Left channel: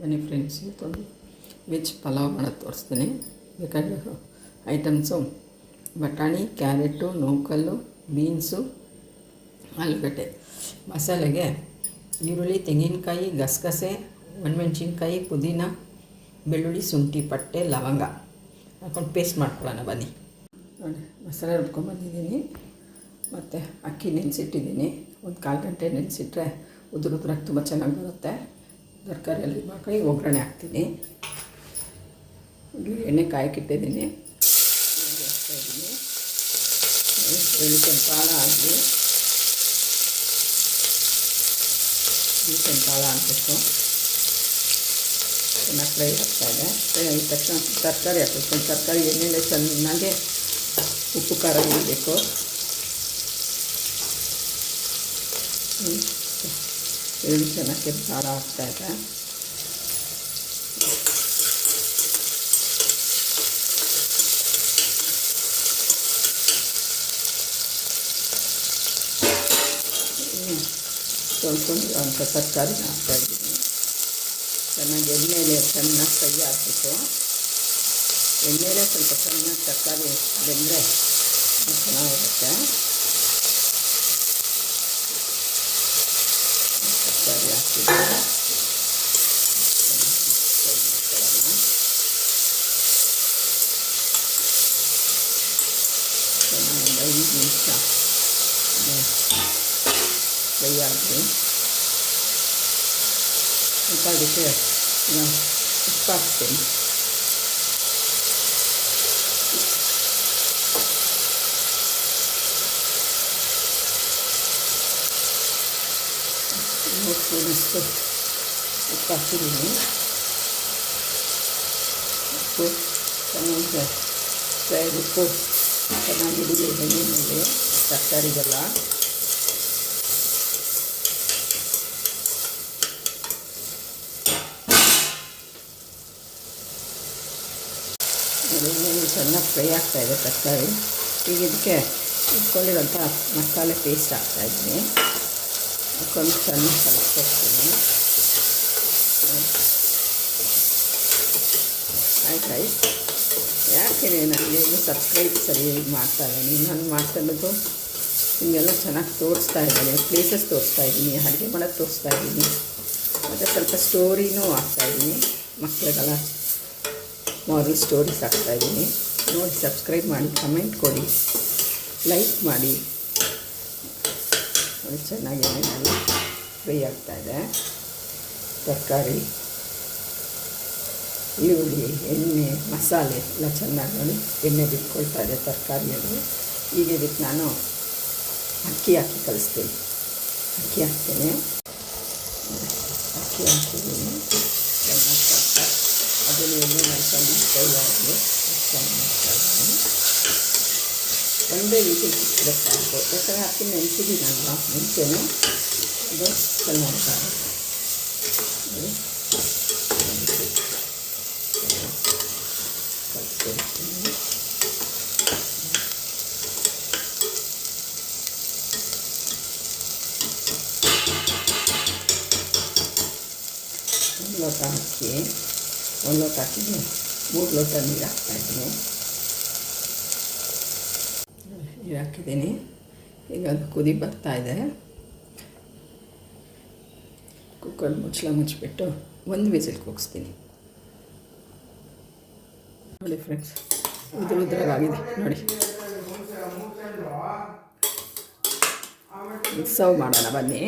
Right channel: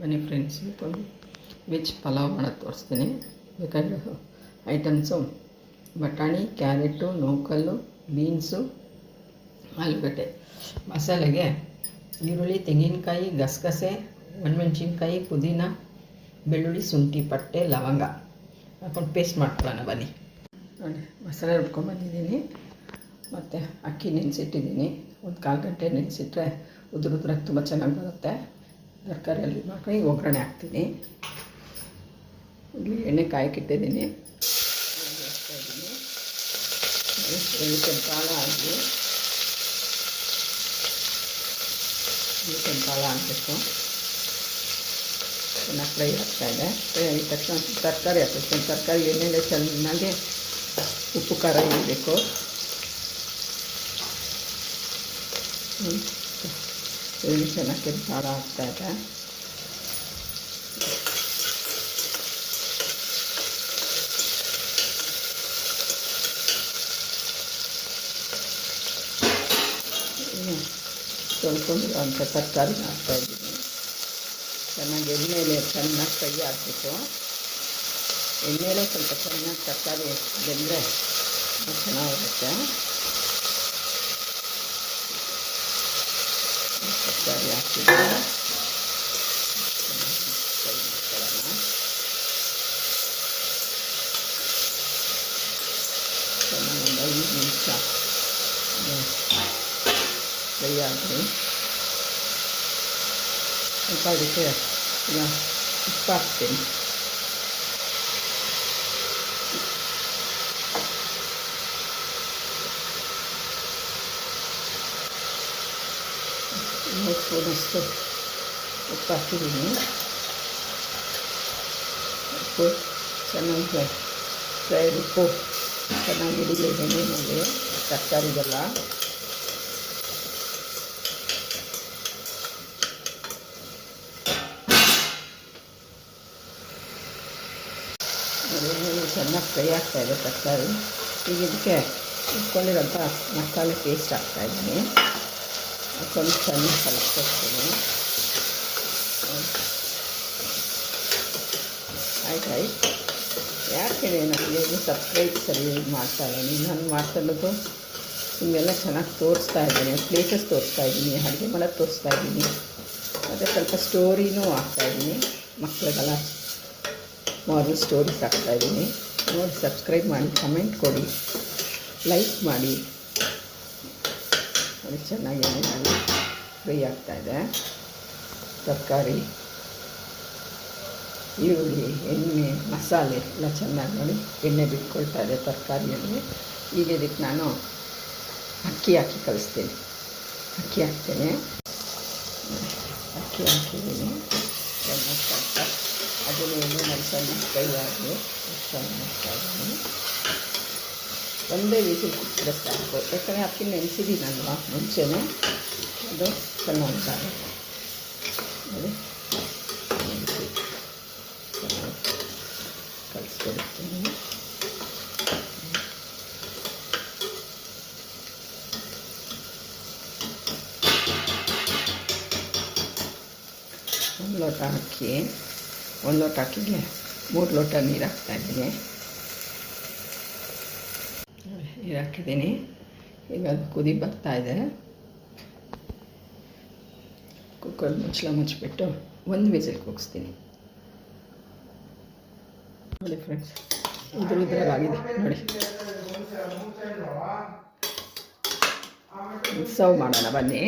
ಬನ್ನಿ ಫ್ರೆಂಡ್ಸ್, ಇವತ್ತು ವೆಜ್ ಪಲಾವ್ ಮಾಡೋದು ತೋರಿಸ್ತೀನಿ. ಬೇಕಾದ್ರೆ ಐಟಮ್ಸು ಬಟಾಣಿ, ಕ್ಯಾರೆಟು, ನೂಕಲ್ಲು, ಬೀನ್ಸು, ಆಲೂಗಡ್ಡೆ. ಮಸಾಲೆಗೆ ಈರುಳ್ಳಿ, ತೆಂಗಿನಕಾಯಿ, ಗಸಗಸೆ, ಒಣಮೆಣ್ಸಿನ್ಕಾಯಿ, ಪುದೀನ, ಬೆಳ್ಳುಳ್ಳಿ, ಶುಂಠಿ, ಪಟ್ಟೆ, ಲವಂಗ ಹಾಕೊಂಡು ಪೇಸ್ಟ್ ಮಾಡ್ಕೊಳ್ಳೋಣ ಬನ್ನಿ. ನೋಡಿ, ಮಸಾಲೆ ರುಬ್ಕೊಂಡ್ಬಂದಿದ್ದೀನಿ. ಮತ್ತು ಅಕ್ಕಿ ನೆನೆಸಿಟ್ಟಿದ್ದೀನಿ. ಒಂದು 1/4 ಗಂಟೆ ನೆನೆಸಿಟ್ರೆ ಉದುರಾಗಿ ತುಂಬ ಚೆನ್ನಾಗಿ ಬರುತ್ತೆ. ತರಕಾರಿ ಎಲ್ಲ ಮಾಡ್ಕೊಂಡು ಒಗ್ಗರಣೆ ಹಾಕ್ತೀನಿ. ಇಲ್ಲಿ ಎಣ್ಣೆ ಕಾಯಕ್ಕಿಟ್ಟಿದ್ದೀನಿ. ಹಾಕ್ತಾಯಿದ್ದೀನಿ. ಎಳ್ಳಿಕೆಂಪು ಕಾಳು ಆಗಲಿ, ಎಳ್ಳಿಕೆಂಪು ಕಾಳು ಹಾಕಬೇಕು. ಚೆನ್ನಾಗಿ ಫ್ರೈ ಆಗ್ತಾಯಿದೆ. ಫ್ರೈ ಆಗಿದ ತಕ್ಷಣ ತರಕಾರಿ ಹಾಕಬೇಕು. ತರಕಾರಿ ಎಣ್ಣೆಲೆ ಚೆನ್ನಾಗಿ ಉಪ್ಪು ಖಾರ ಇರಬೇಕು. ಎಳ್ಳು ಚೆನ್ನಾಗಿ ಕೆಂಪು ಖಾರ ಆಗ್ತಾಯಿದೆ. ತೊಳ್ಕೊಂಡಿರೋಂಥ ತರಕಾರಿನ ಹಾಕ್ತಾಯಿದ್ದೀನಿ. ಚೆನ್ನಾಗಿ ಎಣ್ಣೆಲೆ ಚೆನ್ನಾಗಿ ಫ್ರೈ ಆಗಬೇಕು. ಎಣ್ಣೆಲೆ ಸ್ವಲ್ಪ ಚೆನ್ನಾಗಿ ತರಕಾರಿ ಬೆಂದರೆ ಚೆನ್ನಾಗಿರುತ್ತೆ. ತರಕಾರಿ ಹಾಕ್ತಿದ್ದೀನಿ. ಫ್ರೈ ಮಾಡ್ಕೊಳ್ಳೋಣ. ಚೆನ್ನಾಗಿ ಒಂದು 5 ನಿಮಿಷ ಫ್ರೈ ಆಗಲಿ. ಸ್ವಲ್ಪ ಅದಕ್ಕೆ ಉಪ್ಪು ಹಾಕ್ತೀನಿ. ಸ್ಪೂನಷ್ಟು ಉಪ್ಪು ಹಾಕಿದ್ದೀನಿ. ಉಪ್ಪು ಚೆನ್ನಾಗಿ ಫ್ರೈ ಉಪ್ಪು ಚೆನ್ನಾಗಿ ಹಿಡಿಲಿ ಎಣ್ಣೆ ಮೇಲೆ ತರಕಾರಿಗೆಲ್ಲ. ಎಣ್ಣೆಲಿ ಚೆನ್ನಾಗಿ ಫ್ರೈ ಆಗ್ತಾಯಿದೆ ತರಕಾರಿ. ಈಗ ಇದಕ್ಕೆ ಇಟ್ಕೊಂಡಿರೋಂಥ ಮಸಾಲೆ ಪೇಸ್ಟ್ ಹಾಕ್ತಾಯಿದ್ದೀನಿ. ಹಾಕೊಂಡು ಚೆನ್ನಾಗಿ ಕಲಿಸ್ಕೊಡ್ತೀನಿ. ಆಯ್ತು. ಯಾಕೆ ನನಗೆ ಸಬ್ಸ್ಕ್ರೈಬ್ ಸರಿ ಮಾಡ್ತಾಯಿದ್ದೀನಿ. ನಾನು ಮಾಡ್ತಾಯಿರೋದು ನಿಮಗೆಲ್ಲ ಚೆನ್ನಾಗಿ ತೋರಿಸ್ತಾ ಇದ್ದೀನಿ. ಪ್ಲೇಸಸ್ ತೋರಿಸ್ತಾ ಇದ್ದೀನಿ, ಅಡುಗೆ ಮಾಡೋದು ತೋರಿಸ್ತಾ ಇದ್ದೀನಿ. ಮತ್ತು ಸ್ವಲ್ಪ ಸ್ಟೋರಿನೂ ಹಾಕ್ತಾಯಿದ್ದೀನಿ. ಮಕ್ಕಳಿಗೆಲ್ಲ ಮಾರಲ್ ಸ್ಟೋರೀಸ್ ಹಾಕ್ತಾಯಿದ್ದೀನಿ. ನೋಡಿ, ಸಬ್ಸ್ಕ್ರೈಬ್ ಮಾಡಿ, ಕಮೆಂಟ್ ಕೊಡಿ, ಲೈಕ್ ಮಾಡಿ. ನೋಡಿ, ಚೆನ್ನಾಗಿ ಎಣ್ಣೆನಲ್ಲಿ ಫ್ರೈ ಆಗ್ತಾಯಿದೆ ತರಕಾರಿ, ಈರುಳ್ಳಿ, ಎಣ್ಣೆ, ಮಸಾಲೆ ಎಲ್ಲ ಚೆನ್ನಾಗಿ ನೋಡಿ ಎಣ್ಣೆ ಬಿಟ್ಕೊಳ್ತಾ ಇದೆ ತರಕಾರಿಯಲ್ಲಿ. ಈಗ ಇದಕ್ಕೆ ನಾನು ಅಕ್ಕಿ ಹಾಕಿ ಕಲಿಸ್ತೀನಿ. ಅಕ್ಕಿ ಹಾಕ್ತೇನೆ. ಅಕ್ಕಿ ಹಾಕಿದ್ದೀನಿ. ಚೆನ್ನಾಗಿ ಸ್ವಲ್ಪ ಅದನ್ನು ಎಣ್ಣೆನಲ್ಲಿ ಚೆನ್ನಾಗಿ ಫ್ರೈ ಆಗಿ ಮಾಡ್ತಾ ಇದ್ದೀನಿ. ಒಂದೇ ವಿಸಿಲ್ ಕುಟ್ಟಿದ್ರೆ ಸಾಕು. ಯಾಕಂದರೆ ಅಕ್ಕಿ ನೆನೆಸಿದ್ದೀನಲ್ವ ಮುಂಚೆನೇ, ಅದು ಚೆನ್ನಾಗಿ ನೋಡಿ ಕಲಿಸ್ಕೊಡ್ತೀನಿ. ಒಂದು ಲೋಟ ಅಕ್ಕಿ, 1 ಲೋಟ ಅಕ್ಕಿಗೆ 3 ಲೋಟ ನೀರು ಹಾಕ್ತಾಯಿದ್ದೀನಿ. ನೀರು ಹಾಕಿದ್ದೀನಿ. ಈಗ ಅದು ಕುದಿ ಬರ್ತಾಯಿದೆ. ಕುಕ್ಕರ್ ಮುಚ್ಚಬಿಟ್ಟು 1 ವಿಸಿಲ್ ಕೂಗಿಸ್ತೀನಿ. ನೋಡಿ ಫ್ರೆಂಡ್ಸ್, ಉದ್ರಾಗಿದೆ ನೋಡಿ. ಸರ್ವ್ ಮಾಡೋಣ ಬನ್ನಿ.